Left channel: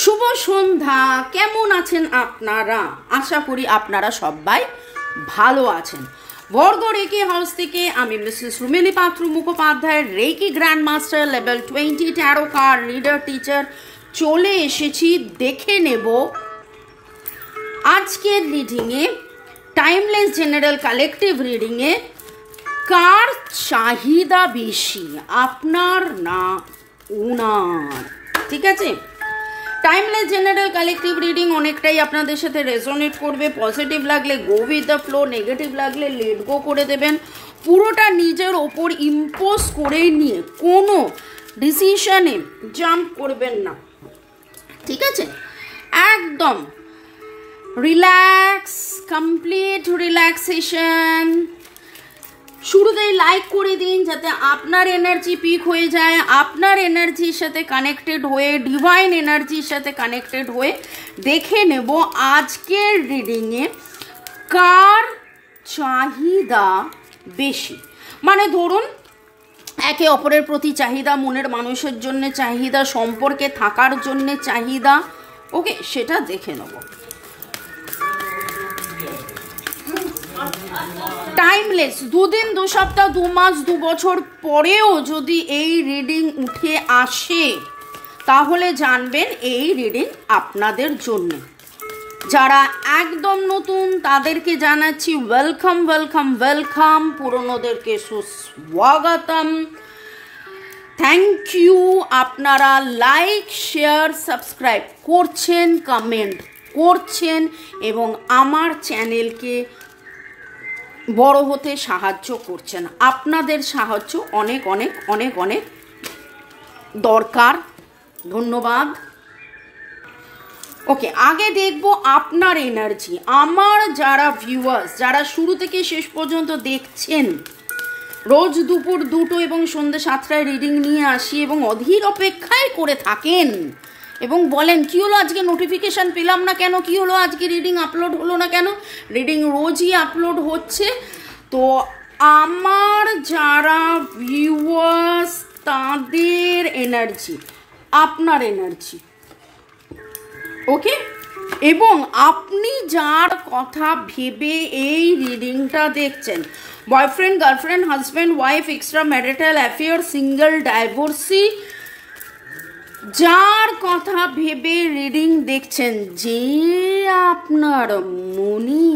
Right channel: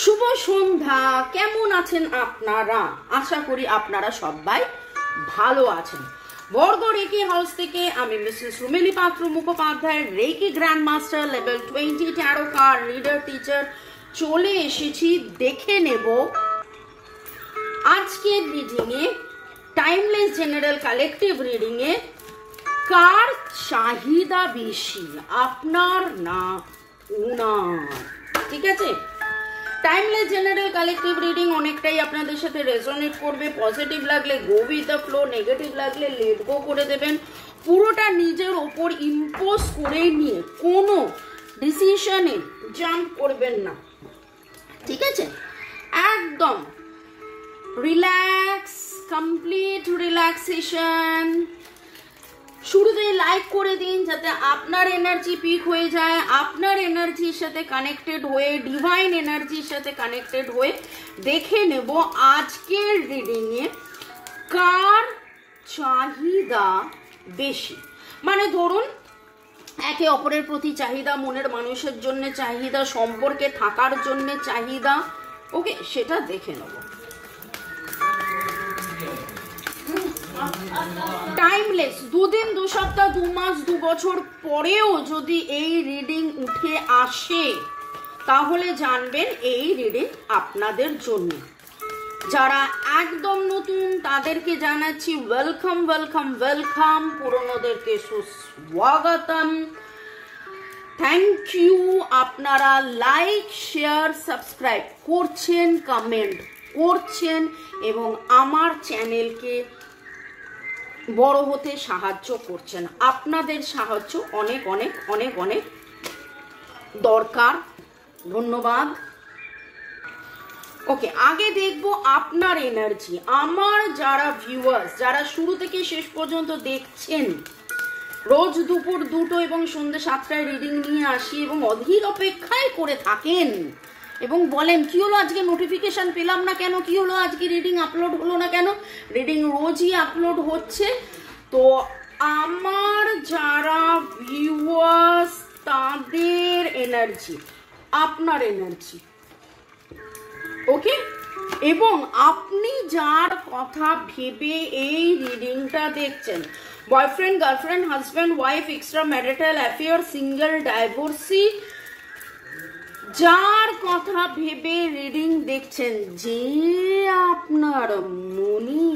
শুভ সন্ধ্যা। কেমন আছেন আপনারা? আশা করি আপনারা সবাই ভালো আছেন। বর্গ রেকি হাউস থেকে আমি Mrs Rumili Patra Mukhopadhyay, reiki grand master level 20 tarot card reader teacher চলে এসেছি। দেখে নেব আজকের রিডিংয়ে, টাইমলেস জেনারেল কালেকটিভ রিডিংয়ে কার চাহিদা বেশি, আপনার না ওনার। ঠিক আছে, টাইমলেস জেনারেল কালেকটিভ রিডিং অনেকটাই আপনাদের সাথে রেজোনেট করবে। পজিটিভ লাগলে go with the flow, negative লাগলে লেট গো করে দেবেন। পুরোটা নিজের ওপর ইম্পোজ করে নিয়ে কোনো ডিসিশনে জাম্প করবেন না। ঠিক আছে, একদম রিল্যাক্স, কমপ্লিট রিল্যাক্সেশন। শুরুতেই লাইক করে দিন যাতে আপনার এনার্জি পিক হয়ে যায়, আপনার এনার্জির সাথে কানেক্টেড হয়ে, ডিভাইন এনার্জির সাথে কানেক্টেড হয়ে দেখে নেব আজকের রিডিংয়ে কার চাহিদা বেশি। মানে ধরুন একে অপরের প্রতি চাহিদা, মনের মানুষের জন্য চাহিদা, সম্পর্কে থাকার জন্য চাহিদা। ওকে, সেটা দেখে নেব। টাইমলেস, দুদিন, দু সপ্তাহ, 2 মাস, 2 বছর পরেও যদি এই রিডিং উঠে আসে তাহলে জানবেন এই রিডিং আপনাদের জন্য। যারা একদম নতুন তাদেরকে জানাচ্ছি ওয়েলকাম ওয়েলকাম ওয়েলকাম, পুরনোদেরকে সুস্বাগতম। থ্যাংক ইউ, আপনারা লাইক শেয়ার সাবস্ক্রাইব করছেন, কমেন্ট করছেন এবং আমার চ্যানেলকে বড় হতে সাহায্য করছেন। আপনাদের সাহায্য অনেক অনেক অনেক অনেক দরকার। ধন্যবাদ। ওকে, আগে দেখব আপনার এনার্জি। আমার যারা ভিউয়ার্স, যারা শুরু থেকে শেষ পর্যন্ত দেখছেন, রোজ দুপুর 2টো এবং সন্ধ্যে 7টায় রিডিং নিয়ে আসি এবং অধীর অপেক্ষায় করে থাকেন এবং বলেন কি হলো আজকে নোটিফিকেশন পেলাম না কেন, কি হলো আজকে রিডিং আপলোড হলো না কেন। রিডিং রোজই আপলোড হচ্ছে। তো আমার যারা ভিউয়ার্স তাদের এনার্জি, আপনার এনার্জি, ওকে, এবং আপনি যার কথা ভেবে এই রিডিংটা দেখছেন, boyfriend, girlfriend, husband, wife, extra marital affair, single, divorcee, যার কথা ভেবে রিডিং দেখছেন, যে আপনার মনে,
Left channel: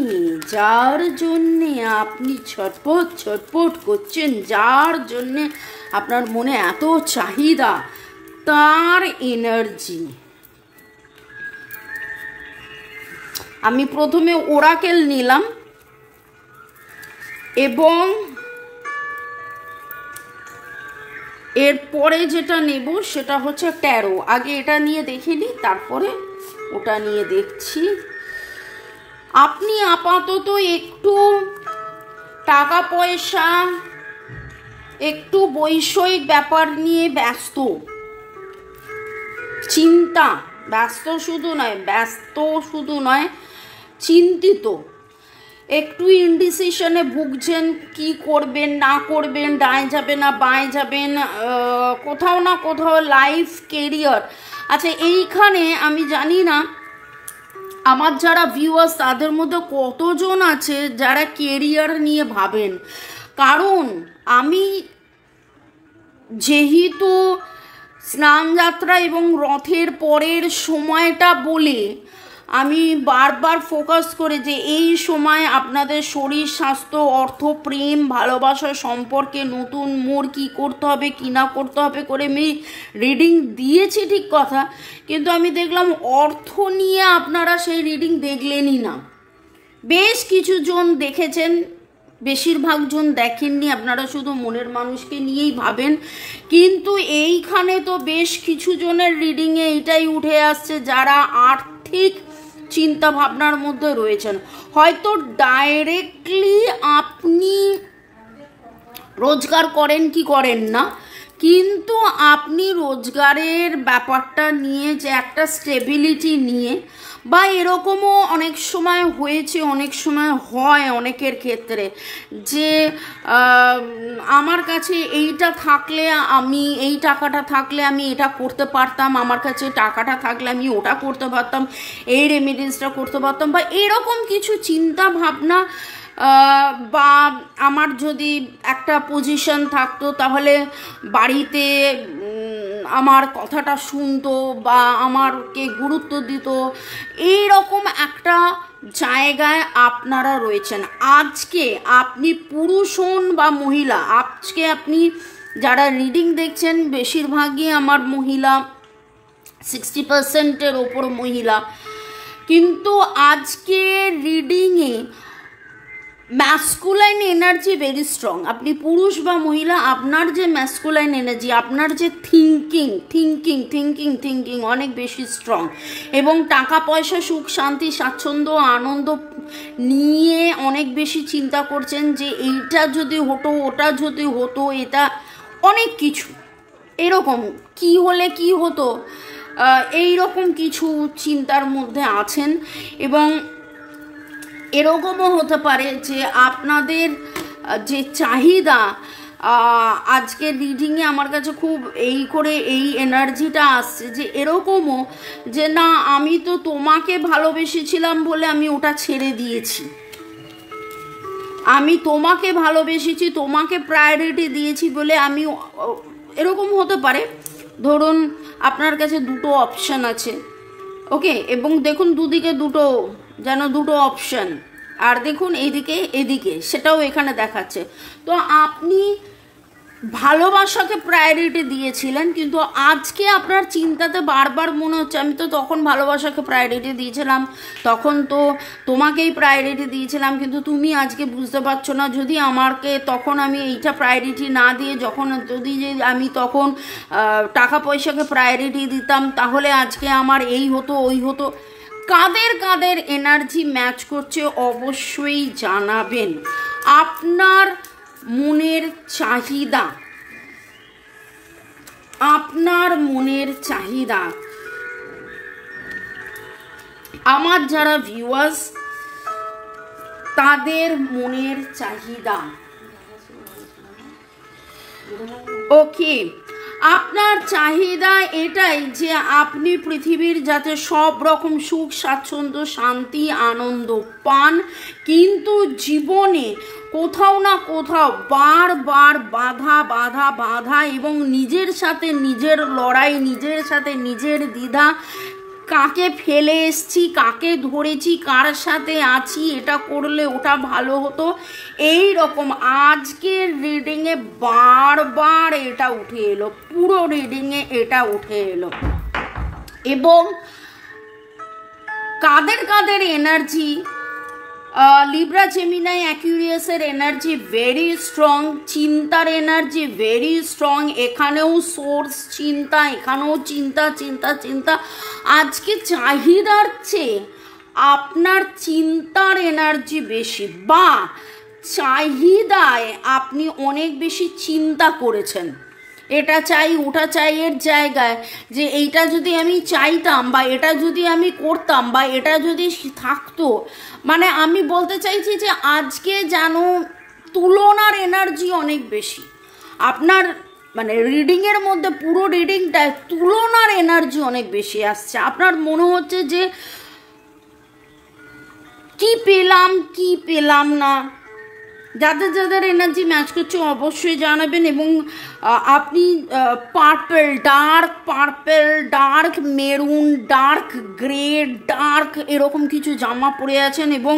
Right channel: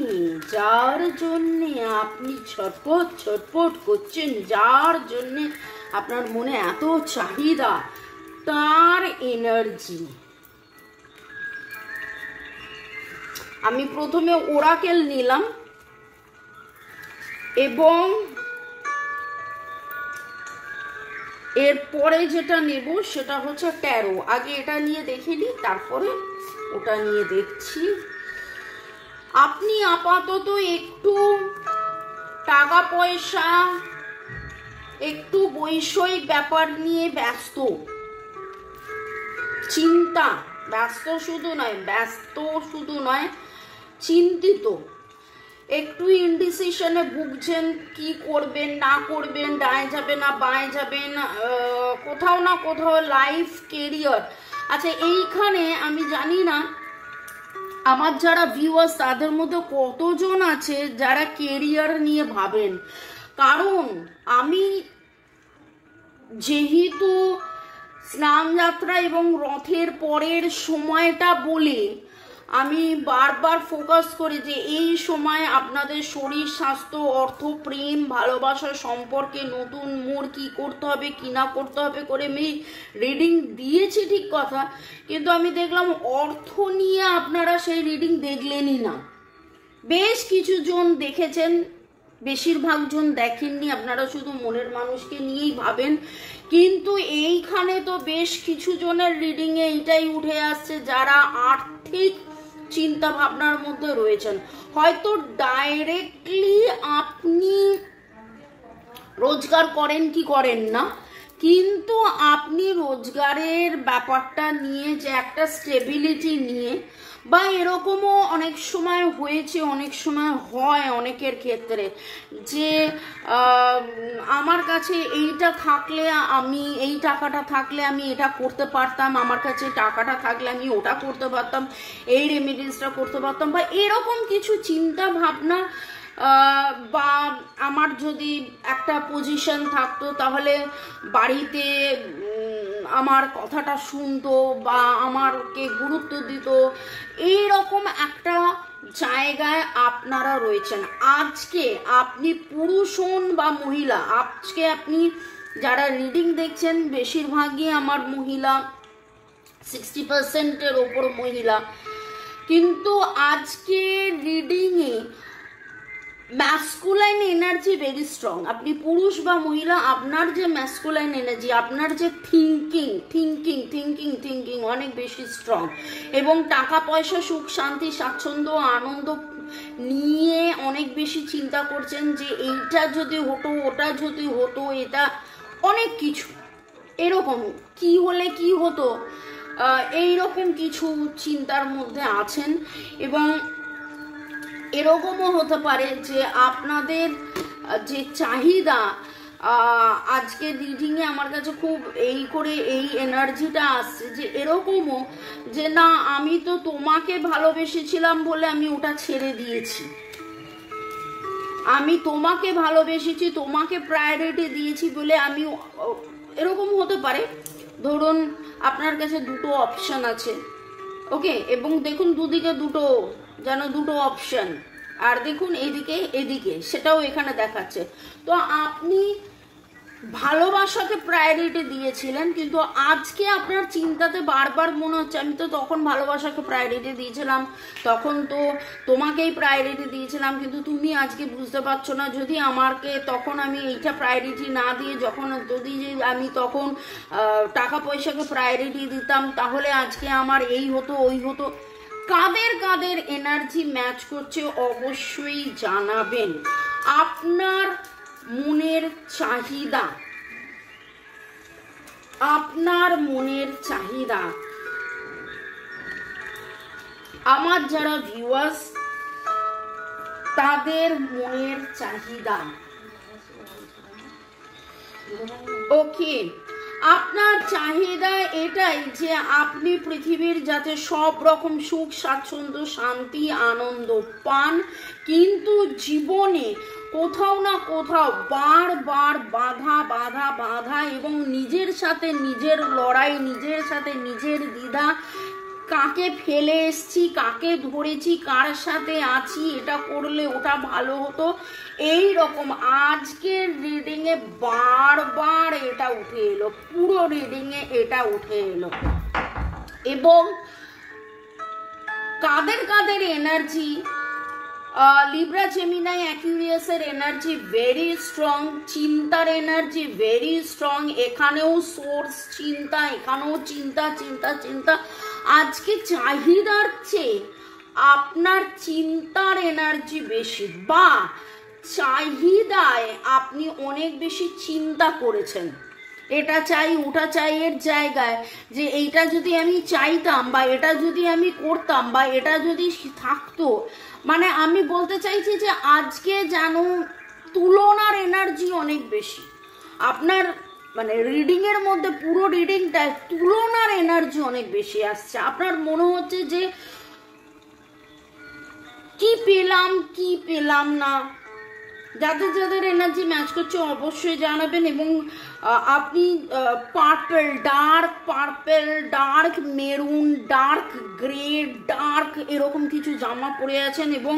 যার জন্যে আপনি ছটপট ছটপট করছেন, যার জন্যে আপনার মনে এত চাহিদা, তার এনার্জি। আমি প্রথমে ওরাকেল নিলাম এবং এরপরে যেটা নেব সেটা হচ্ছে ট্যারো। আগে এটা নিয়ে দেখে নিই, তারপরে ওটা নিয়ে দেখছি। আপনি আপাতত একটু টাকা পয়সা, একটু বৈষয়িক ব্যাপার নিয়ে ব্যস্ত, চিন্তা, ব্যস্ত শুধু নয় চিন্তিত, একটু ইনডিসিশনে ভুগছেন, কি করবেন না করবেন, ডায়ে যাবেন না বাঁয়ে যাবেন, কোথাও না কোথাও লাইফ, কেরিয়ার। আচ্ছা, এইখানে আমি জানি না আমার যারা ভিউয়ার্স তাদের মধ্যে কতজন আছে যারা কেরিয়ার নিয়ে ভাবেন। কারণ আমি যেহেতু স্নানযাত্রা এবং রথের পরের সময়টা বলে আমি বারবার ফোকাস করে যে এই সময় আপনাদের শরীর, স্বাস্থ্য, অর্থ, প্রেম, ভালোবাসা, সম্পর্কে নতুন মোড়, কি করতে হবে কি না করতে হবে করে আমি রিডিং দিয়েছি, ঠিক কথা। কিন্তু আমি দেখলাম অর্থ নিয়ে আপনারা সেই রিডিং দেখলেনই না। বেশ কিছু জন দেখেছেন, বেশিরভাগ জন দেখেননি, আপনারা শুধু মনের মানুষকে নিয়েই ভাবেন। কিন্তু এইখানে তো বেশ কিছু জনের রিডিংয়ে এটাই উঠে আসছে যারা আর্থিক চিন্তা ভাবনার মধ্যে রয়েছেন। হয়তো ডাইরেক্টলি আপনি রোজগার করেন কি করেন না, কিন্তু আপনি রোজগারের ব্যাপারটা নিয়ে, যে একটা স্টেবিলিটি নিয়ে, বা এরকমও অনেক সময় হয়েছে, অনেক সময় হয় অনেকের ক্ষেত্রে, যে আমার কাছে এইটা থাকলে, আমি এই টাকাটা থাকলে আমি এটা করতে পারতাম, আমার কাছে টাকাটা থাকলে আমি ওটা করতে পারতাম, এই রেমিডেন্সটা করতে পারতাম, বা এরকম কিছু চিন্তা ভাবনা, বা আমার যদি একটা পজিশন থাকতো তাহলে বাড়িতে আমার কথাটা শুনতো বা আমারকে গুরুত্ব দিত, এই রকম একটা জায়গায় আপনারা রয়েছেন। আজকে আপনি পুরুষ হন বা মহিলা, আজকে আপনি যারা রিডিং দেখছেন বেশিরভাগই আমার মহিলা, 60%-এর ওপর মহিলা, কিন্তু আজকে রিডিংয়ে ম্যাসকুলাইন এনার্জি ভেরি স্ট্রং। আপনি পুরুষ বা মহিলা, আপনার যে ম্যাসকুলাইন এনার্জি, আপনার যে থিঙ্কিং অনেক বেশি স্ট্রং, এবং টাকা পয়সা, সুখ শান্তি, স্বাচ্ছন্দ্য, আনন্দ নিয়ে অনেক বেশি চিন্তা করছেন, যে এইটা যদি হতো, ওটা যদি হতো, এটা অনেক কিছু এরকম কি হলে কি হতো, এইরকম কিছু চিন্তার মধ্যে আছেন। এবং এরকমও হতে পারে যে আপনাদের যে চাহিদা, আজকের রিডিংয়ে আমার কাছে খুব এই এনার্জিটা আসছে, যে এরকমও যে না, আমি তো তোমাকে ভালোবেসেছিলাম বলে আমি ওটা ছেড়ে দিয়েছি, আমি তোমাকে ভালোবেসেছি, তোমাকে প্রায়োরিটি দিয়েছি বলে আমি, এরকম হতে পারে। ধরুন আপনার কাছে দুটো অপশন আছে, ওকে, এবং দেখুন দুদিকে দুটো অপশন, আর দেখুন এইদিকে এদিকে, সেটাও এখানে দেখাচ্ছে। তো আপনি ভালোবাসাকে প্রায়োরিটি দিয়েছিলেন, কিন্তু আজকে আপনার চিন্তাতে বারবার মনে হচ্ছে আমি তো তখন ভালোবাসাকে প্রায়োরিটি দিয়েছিলাম, তখন তো তোমাকেই প্রায়োরিটি দিয়েছিলাম, কিন্তু তুমি আজকে বুঝতে পারছো না, যদি আমাকে তখন আমি এইটা প্রায়োরিটি না দিয়ে যদি আমি তখন টাকা পয়সাকে প্রায়োরিটি দিতাম, তাহলে আজকে আমার এই হতো ওই হতো। কাদের এনার্জি ম্যাচ করছে অবশ্যই জানাবেন। আপনার মনের চাহিদা, আমার যারা ভিউয়ার্স, তাদের মনের চাহিদা, ওকে, আপনার চাহিদা এটাই যে আপনি পৃথিবীর যাতে সব রকম সুখ, স্বাচ্ছন্দ্য, শান্তি, আনন্দ পান, কিন্তু জীবনে কোথাও না কোথাও বারবার বাধা এবং নিজের সাথে নিজের লড়াই, নিজের সাথে নিজের দ্বিধা, কাকে ফেলে এসছি, কাকে ধরেছি, কার সাথে আছি, এটা করলে ওটা ভালো হতো, এই রকম আজকের রিডিংয়ে বারবার এটা উঠে এলো, পুরো রিডিংয়ে এটা উঠে এলো। এবং কাদের এনার্জি, লিব্রা, জেমিনাই, অ্যাকুয়ারিয়াসের এনার্জি ভেরি স্ট্রং, চিন্তার এনার্জি ভেরি স্ট্রং, এখানেও সোর্স চিন্তা, এখানেও চিন্তা। আজকে চাহিদার চেয়ে আপনার চিন্তার এনার্জি বেশি, বা চাহিদায় আপনি অনেক বেশি চিন্তা করেছেন, এটা চাই ওটা চাই এর জায়গায়, যে এইটা যদি আমি চাইতাম, বা এটা যদি আমি করতাম, বা এটা যদি থাকতো, মানে আমি বলতে চাইছি যে আজকে যেন তুলনার এনার্জি অনেক বেশি আপনার, মানে রিডিংয়ের মধ্যে পুরো রিডিংটায় তুলনার এনার্জি অনেক বেশি আসছে। আপনার মনে হচ্ছে যে কি পেলাম না। যাদের এনার্জি ম্যাচ করছে অবশ্যই জানাবেন। এবং আপনি purple, dark maroon, dark grey, dark এরকম কিছু জামা পরে আছেন, এবং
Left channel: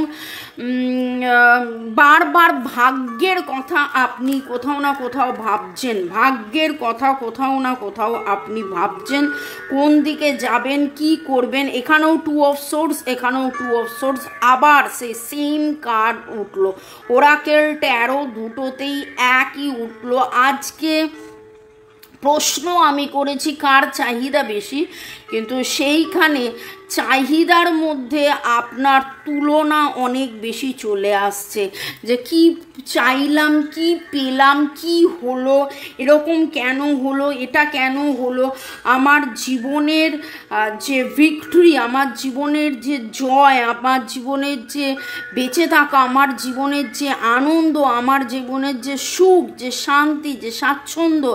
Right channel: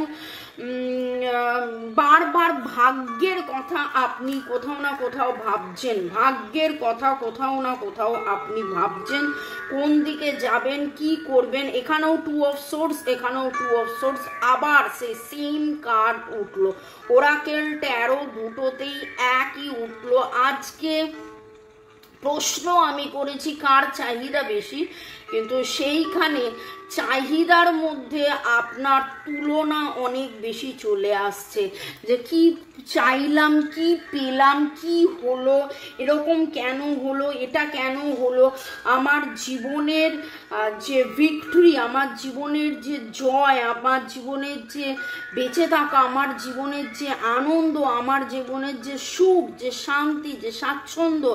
বারবার ভাগ্যের কথা আপনি কোথাও না কোথাও ভাবছেন, ভাগ্যের কথা কোথাও না কোথাও আপনি ভাবছেন, কোন দিকে যাবেন, কি করবেন। এখানেও 2 অফ সোর্স, এখানেও 2 অফ সোর্স, আবার সেই সেম কার্ড উঠলো, ওরাকেল, ট্যারো দুটোতেই একই উঠলো। আজকে প্রশ্ন আমি করেছি কার চাহিদা বেশি, কিন্তু সেইখানে চাহিদার মধ্যে আপনার তুলনা অনেক বেশি চলে আসছে, যে কি চাইলাম, কি পেলাম, কি হলো, এরকম কেন হলো, এটা কেন হলো, আমার জীবনের যে ভিক্টরি, আমার জীবনের যে জয়, আমার জীবনের যে বেঁচে থাকা, আমার জীবনের যে আনন্দ, আমার জীবনের যে সুখ, যে শান্তি, যে স্বাচ্ছন্দ্য,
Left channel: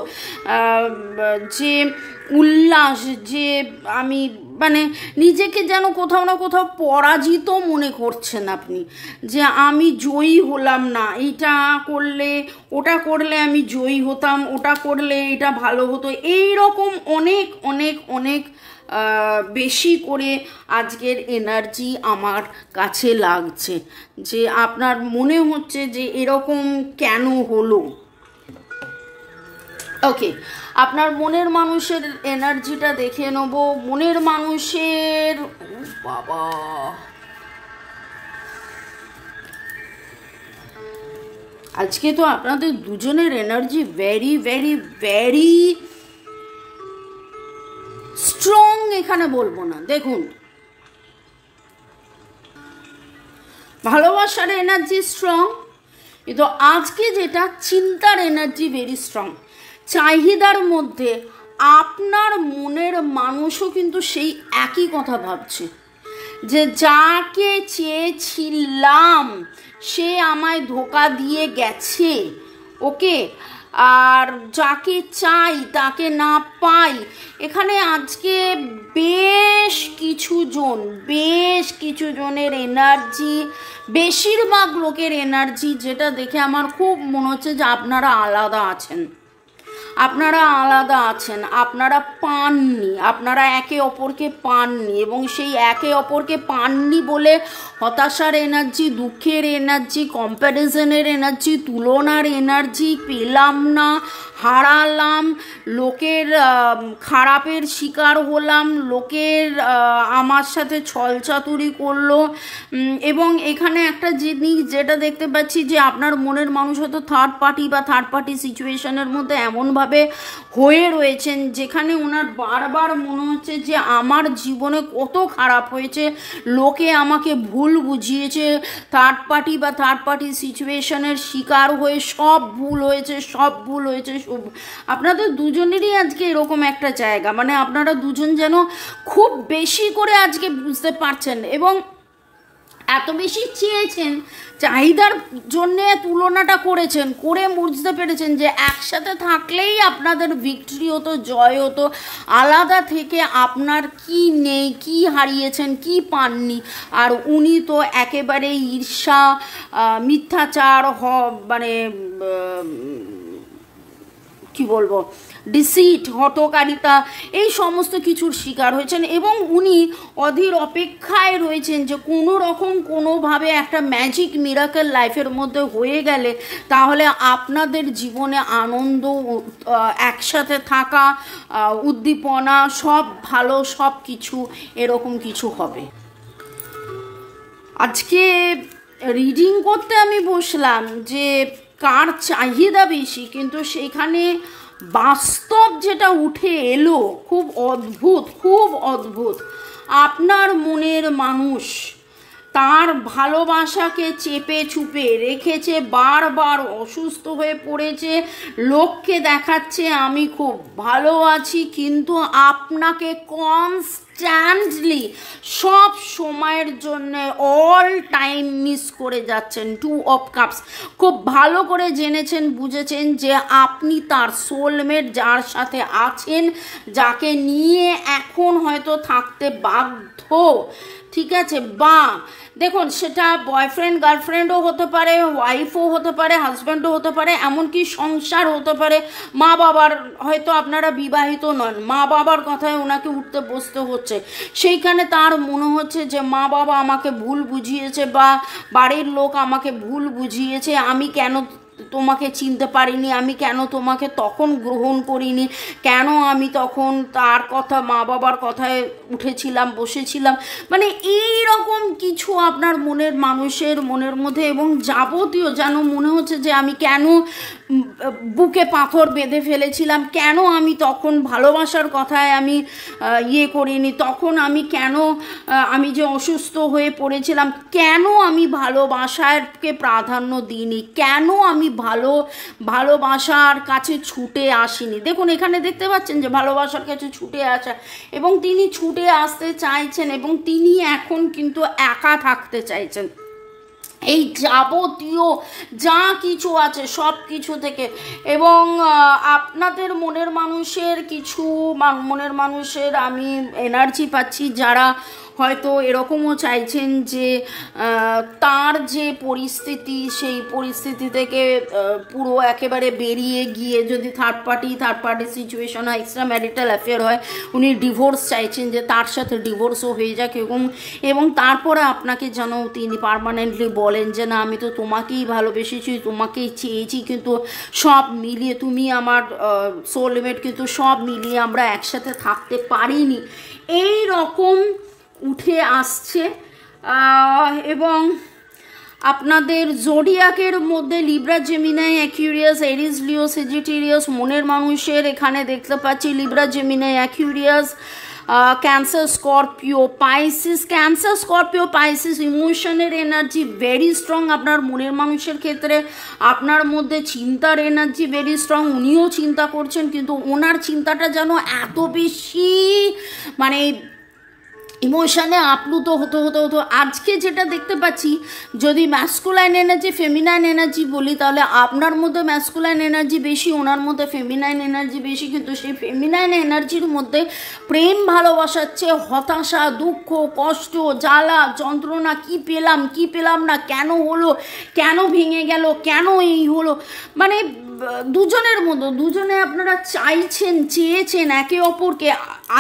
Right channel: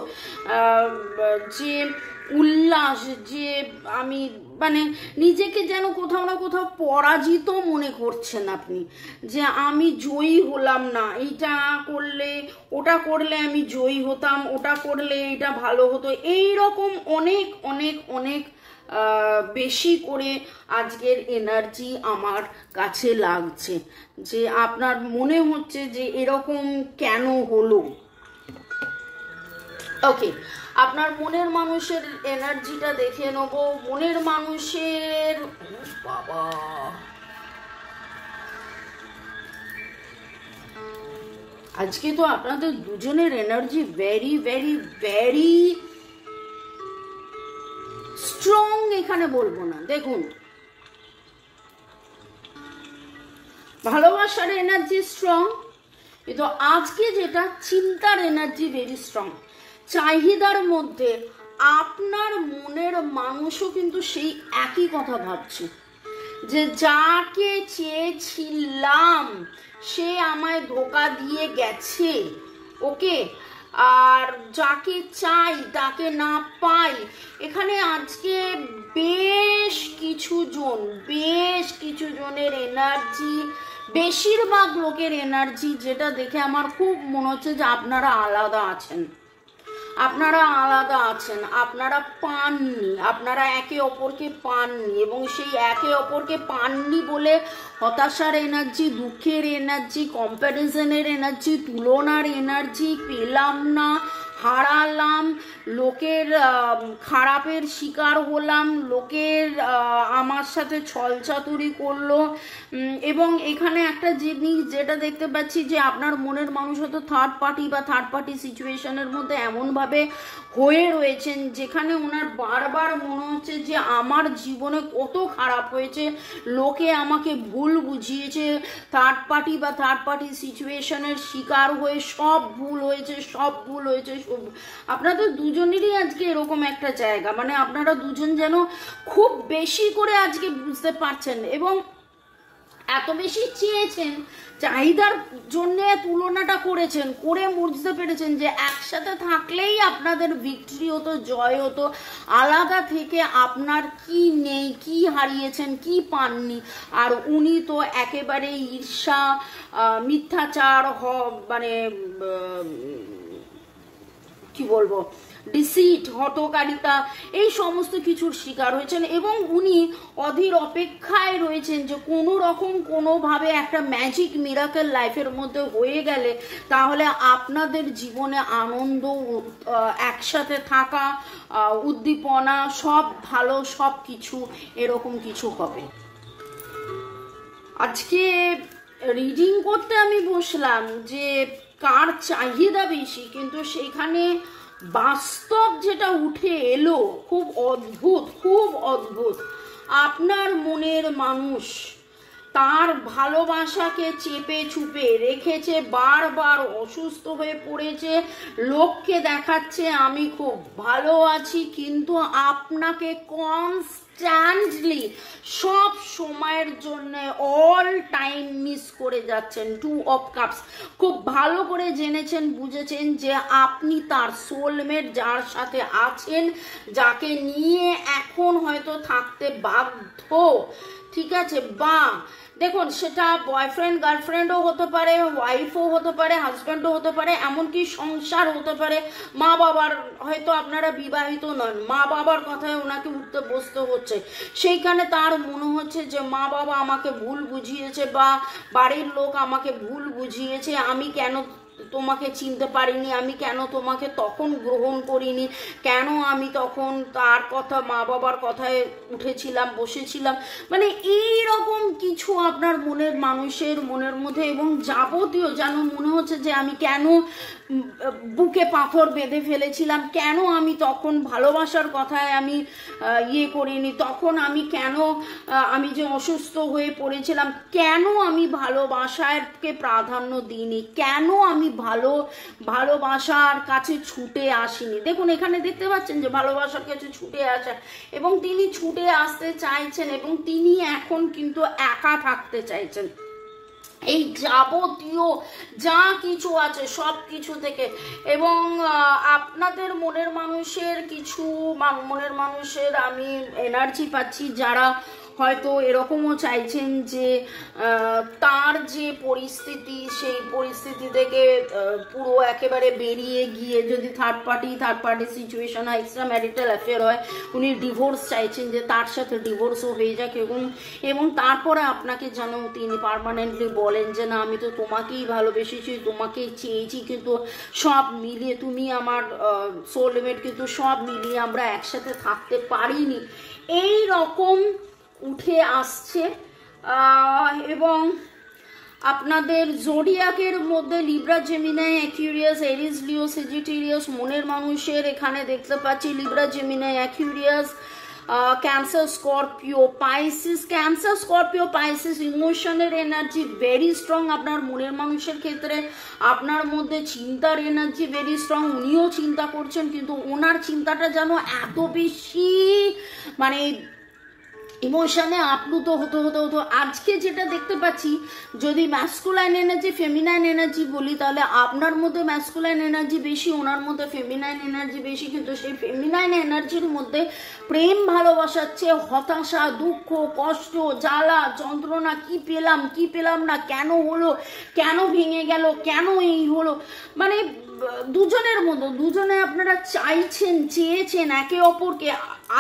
যে উল্লাস, যে আমি মানে নিজেকে যেন কোথাও না কোথাও পরাজিত মনে করছেন আপনি, যে আমি জয়ী হলাম না, এইটা করলে ওটা করলে আমি জয়ী হতাম, ওটা করলে এটা ভালো হতো, এই রকম অনেক অনেক অনেক বেশি করে আজকের এনার্জি আমার কাছে লাগছে, যে আপনার মনে হচ্ছে যে এরকম কেন হলো। ওকে, আপনার মনের মানুষের এনার্জিটা দেখে নেব। মনের মানুষের বাবা, আজকে তো আপনাদের দুজনের energy very very very strong, এখানে বলবো না। দেখুন, ভালোবাসার এনার্জি স্ট্রং, কিন্তু আজকে যেটা চিন্তার এনার্জি ভেরি স্ট্রং। চাহিদার মধ্যে আপনার মনের মানুষও কিন্তু সেই একই কথা ভাবছে, যে যাকে চেয়েছিলাম সে আমায় ধোঁকা দিয়ে গেছে, ওকে, আর যাকে চাই তাকে না পাই। এখানে আজকে বেশ কিছু জনের এনার্জি, বেশিরভাগ লোকের এনার্জি, যেটা দেখে আমার খুব মনে হচ্ছে যে আপনারা আলাদা আছেন, আপনারা পাননি, আপনারা একে অপরকে পাননি, এবং সেই একে অপরকে পাননি বলে হতাশার এনার্জি, দুঃখের এনার্জি, কম্প্যারিজনের এনার্জি, তুলনার এনার্জি, পেলাম না, হারালাম, লোকের খারাপের শিকার হলাম, লোকের আমার সাথে ছলচাতুরি করলো। এবং এখানে একটা জিনিস যেটা দেখতে পাচ্ছি, যে আপনার মনের মানুষ হয়তো থার্ড পার্টি সিচুয়েশনের মধ্যে এমনভাবে হয়ে রয়েছেন, যেখানে ওনার বারবার মনে হচ্ছে যে আমার জীবনে কত খারাপ হয়েছে, লোকে আমাকে ভুল বুঝিয়েছে, থার্ড পার্টি সিচুয়েশনের শিকার হয়ে সব ভুল হয়েছে। আপনাদের দুজনেরই আজকে এরকম একটা জায়গা, মানে আপনারা দুজন যেন খুব বেশি করে আজকে বুঝতে পারছেন, এবং এত বেশি চেয়েছেন, চাহিদার জন্য তুলনাটা করেছেন, করে বুঝতে পেরেছেন যে একসাথে থাকলেই আপনাদের ভিক্টরি হতো, জয় হতো, আলাদা থেকে আপনার কি নেই, কি হারিয়েছেন, কি পাননি। আর উনি তো একেবারে ঈর্ষা, মিথ্যাচার, মানে কি বলবো, ডিসিট, হঠকারিতা, এই সমস্ত কিছুর শিকার হয়েছেন, এবং উনি অধীর অপেক্ষায় রয়েছেন যে কোনো রকম কোনোভাবে একটা ম্যাজিক মিরাকেল লাইফের মধ্যে হয়ে গেলে তাহলে আপনাদের জীবনে আনন্দ, একসাথে থাকা, উদ্দীপনা, সব ভালো, সব কিছু এরকম কিছু হবে। আজকে রিডিং করতে আমি বসলাম যে কার চাহিদা বেশি, কিন্তু সেখানে বাস্তব যেটা উঠে এলো খুব অদ্ভুত। আপনার মনের মানুষ তার ভালোবাসাকে চেপে চুপে রেখেছে, বারবার অসুস্থ হয়ে পড়েছে, লোককে দেখাচ্ছে আমি খুব ভালো আছি, কিন্তু আপনাকে কনস্ট্যান্টলি সব সময়ের জন্য অল টাইম মিস করে যাচ্ছেন। 2 of Cups, খুব ভালো করে জেনেছেন, বুঝেছেন যে আপনি তার সোলমেট, যার সাথে আছেন, যাকে নিয়ে এখন হয়তো থাকতে বাধ্য, ঠিক আছে, বা দেখুন সেটা বয়ফ্রেন্ড গার্লফ্রেন্ডও হতে পারে, ওয়াইফও হতে পারে, হাজব্যান্ডও হতে পারে, এমনকি সংসার হতে পারে, মা বাবার, হয়তো আপনারা বিবাহিত নন, মা বাবার কথায় ওনাকে উঠতে বসতে হচ্ছে, সেইখানে তার মনে হচ্ছে যে মা বাবা আমাকে ভুল বুঝিয়েছে, বা বাড়ির লোক আমাকে ভুল বুঝিয়েছে, আমি কেন তোমাকে চিনতে পারিনি, আমি কেন তোমাকে তখন গ্রহণ করিনি, কেন আমি তখন তার কথা, মা বাবার কথায় উঠেছিলাম, বসেছিলাম, মানে এই রকম কিছু আপনার মনের মানুষের মনের মধ্যে, এবং যাবতীয় যেন মনে হচ্ছে যে আমি কেন বুকে পাথর বেঁধে ফেলেছিলাম, কেন আমি তখন ভালোবাসার কথায় আমি ইয়ে করিনি, তখন আমি কেন আমি যে অসুস্থ হয়ে পড়েছিলাম, কেন আমি ভালোবাসাকে প্রাধান্য দিইনি, কেন আমি ভালোবাসার কাছে ছুটে আসিনি। দেখুন এখানে দেখতে পাচ্ছেন যে ভালোবাসার কাছে ছুটে আসা, এবং তিনি ছুটে আসতে চাইছেন এবং তিনি এখন কিন্তু একা থাকতে চাইছেন। এই যাবতীয় যা কিছু আছে সব কিছু থেকে, এবং আপনাদের মনের মানুষের আমি এনার্জি পাচ্ছি যারা হয়তো এরকমও চাইছেন যে তার যে পরিস্থিতি সেই পরিস্থিতি থেকে পুরো একেবারে বেরিয়ে গিয়ে, যদি থার্ড পার্টি সিচুয়েশন হয়, এক্সট্রা ম্যারিটাল অ্যাফেয়ার হয়, উনি ডিভোর্স চাইছেন যে তার সাথে ডিভোর্সও হয়ে যাক, এবং তারপরে আপনাকে যেন তিনি পার্মানেন্টলি বলেন যে না আমি তো তোমাকেই ভালোবেসেছি, তোমাকেই চেয়েছি, কিন্তু সব মিলিয়ে তুমি আমার সোলমেট, কিন্তু সব মিলিয়ে আমরা একসাথে থাকতে পারিনি, এই রকম উঠে আসছে। এবং আপনাদের জোডিয়াকের মধ্যে Libra, Gemini, Aquarius, Aries, Leo, Sagittarius মনের মানুষের এখানে দেখতে পাচ্ছি Libra, Gemini, Aquarius, Cancer, Scorpio, Pisces ইমোশনের এনার্জি ভেরি স্ট্রং আপনার মনের মানুষের ক্ষেত্রে। আপনার মধ্যে চিন্তার এনার্জি ভেরি স্ট্রং, উনিও চিন্তা করছেন, কিন্তু ওনার চিন্তাটা যেন এত বেশি মানে ইমোশনে আপ্লুত হতে আজকে যেটা দেখতে পাচ্ছি, যদি ম্যাসকুলাইন এনার্জি ফেমিনাইন এনার্জি বলি, তাহলে আপনার মধ্যে ম্যাসকুলাইন এনার্জি বেশি, ওনার মধ্যে ফেমিনাইন এনার্জি বেশি, কিন্তু সেই ফেমিনাইন এনার্জির মধ্যে প্রেম, ভালোবাসার চেয়ে হতাশা, দুঃখ, কষ্ট, জ্বালা, যন্ত্রণা, কি পেলাম না, কেন হলো, কেন ভেঙে গেল, কেন এই হলো, মানে দুজনের মধ্যে দুজনে আপনারা চেয়েছেন একে অপরকে,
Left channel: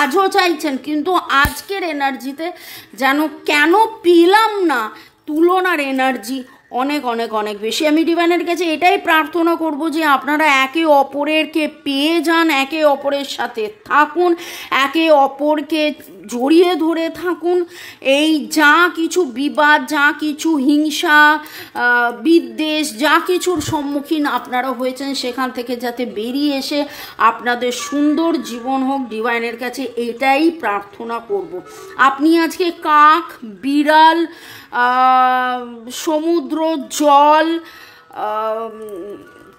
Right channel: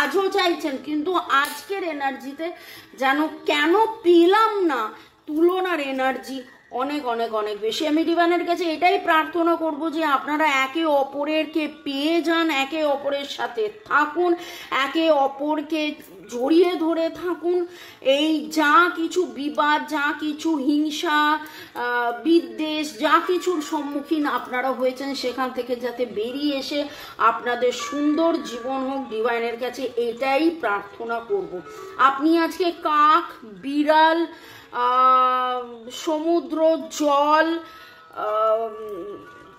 আজও চাইছেন, কিন্তু আজকের এনার্জিতে যেন কেন পেলাম না তুলনার এনার্জি অনেক অনেক অনেক বেশি। আমি ডিভাইনের কাছে এটাই প্রার্থনা করব যে আপনারা একে অপরকে পেয়ে যান, একে অপরের সাথে থাকুন, একে অপরকে জড়িয়ে ধরে থাকুন। এই যা কিছু বিবাদ, যা কিছু হিংসা, বিদ্বেষ, যা কিছুর সম্মুখীন আপনারা হয়েছেন সেখান থেকে যাতে বেরিয়ে এসে আপনাদের সুন্দর জীবন হোক, ডিভাইনের কাছে এটাই প্রার্থনা করব। আপনি আজকে কাক, বিড়াল, সমুদ্র, জল,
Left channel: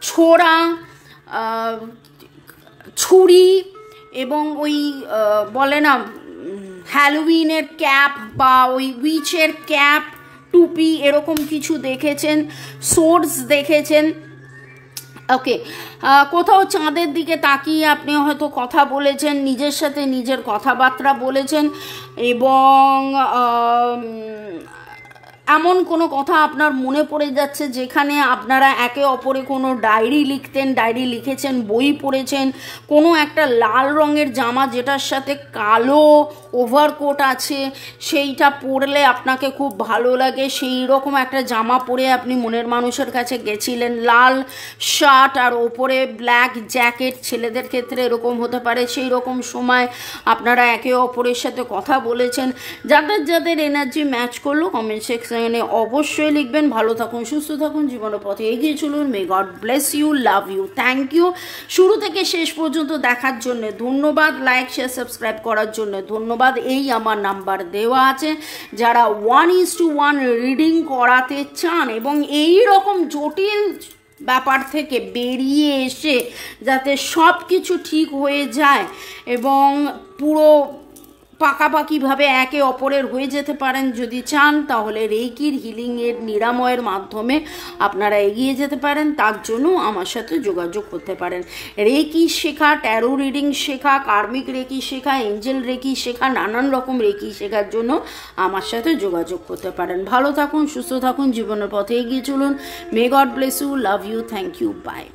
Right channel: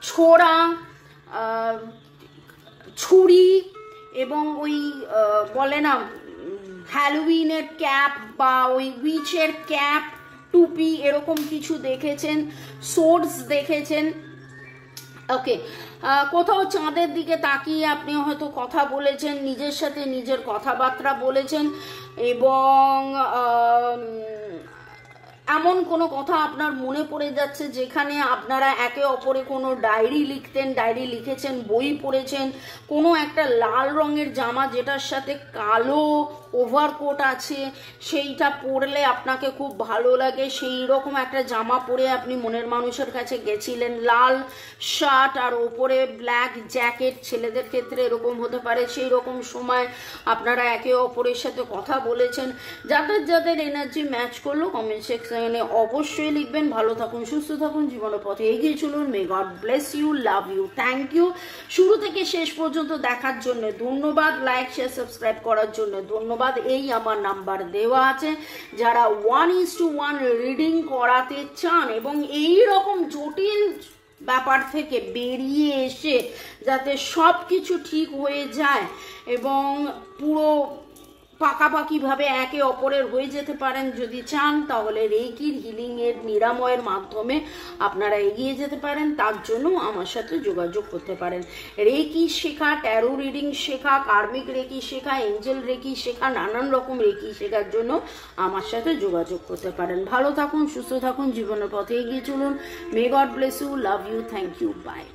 ছোড়া, ছুরি এবং ওই বলে না হ্যালোউইনের ক্যাপ বা ওই উইচের ক্যাপ, টুপি, এরকম কিছু দেখেছেন, সোর্স দেখেছেন। ওকে, কোথাও চাঁদের দিকে তাকিয়ে আপনি হয়তো কথা বলেছেন, নিজের সাথে নিজের কথাবার্তা বলেছেন, এবং এমন কোনো কথা আপনার মনে পড়ে যাচ্ছে যেখানে আপনারা একে অপরে কোনো ডায়েরি লিখেছেন, বই পড়েছেন, কোনো একটা লাল রঙের জামা যেটার সাথে কালো ওভারকোট আছে সেইটা পরলে আপনাকে খুব ভালো লাগে, সেই রকম একটা জামা পরে আপনি মনের মানুষের কাছে গেছিলেন, লাল শার্ট আর ওপরে ব্ল্যাক জ্যাকেট, ছেলেদের ক্ষেত্রে এরকম হতে পারে, সেই রকম সময় আপনারা একে অপরের সাথে কথা বলেছেন। যাদের এনার্জি ম্যাচ করলো কমেন্ট সেকশনে অবশ্যই লিখবেন। ভালো থাকুন, সুস্থ থাকুন, জীবনের পথে এগিয়ে চলুন। May God bless you, love you, thank you. শুরু থেকে শেষ পর্যন্ত দেখার জন্য ধন্যবাদ, লাইক শেয়ার সাবস্ক্রাইব করার জন্য ধন্যবাদ। এই আমার নাম্বার দেওয়া আছে, যারা 1:1 রিডিং করাতে চান এবং এই রকম জটিল ব্যাপার থেকে বেরিয়ে এসে যাতে সব কিছু ঠিক হয়ে যায় এবং পুরো পাকাপাকিভাবে একে অপরের হয়ে যেতে পারেন, যদি চান তাহলে রেইকির হিলিংয়ের নিরাময়ের মাধ্যমে আপনারা এগিয়ে যেতে পারেন। তার জন্য আমার সাথে যোগাযোগ করতে পারেন। রেইকি শেখা, ট্যারো রিডিং শেখা, কার্মিক রেকি শেখা, এঞ্জেল রেকি শেখা, নানান রকম রেকি শেখার জন্য আমার সাথে যোগাযোগ করতে পারেন। ভালো থাকুন, সুস্থ থাকুন, জীবনের পথে এগিয়ে চলুন। May God bless you, love you, thank you, by.